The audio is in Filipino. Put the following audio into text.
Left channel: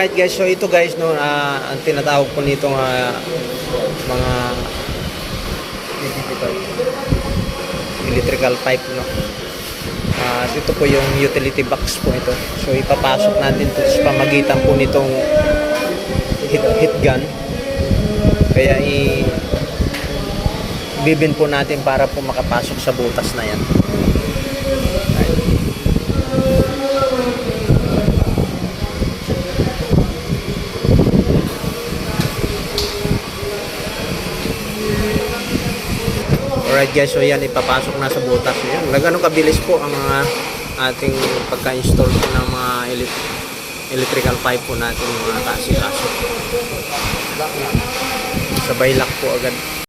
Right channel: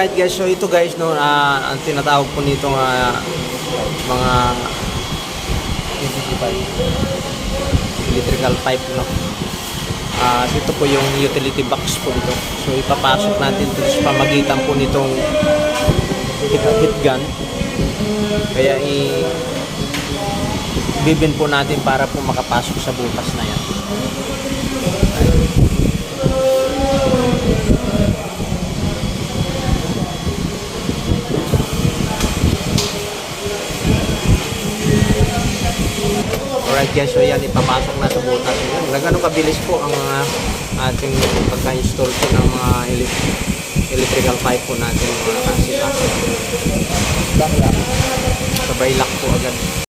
Alright guys, so ito guys no, ang tinatawag po nito mga electrical pipe no. So ito po yung utility box po ito. So ipapasok natin ito sa pamagitan po nitong heat gun. Kaya ibibin po natin para po makapasok sa butas na yan. Right. Alright guys, so yan ipapasok na sa butas. Yan, gano'n kabilis po ang ating pagka-install po ng mga electrical pipe po natin mga kasi-kasi. Sabay lock po agad.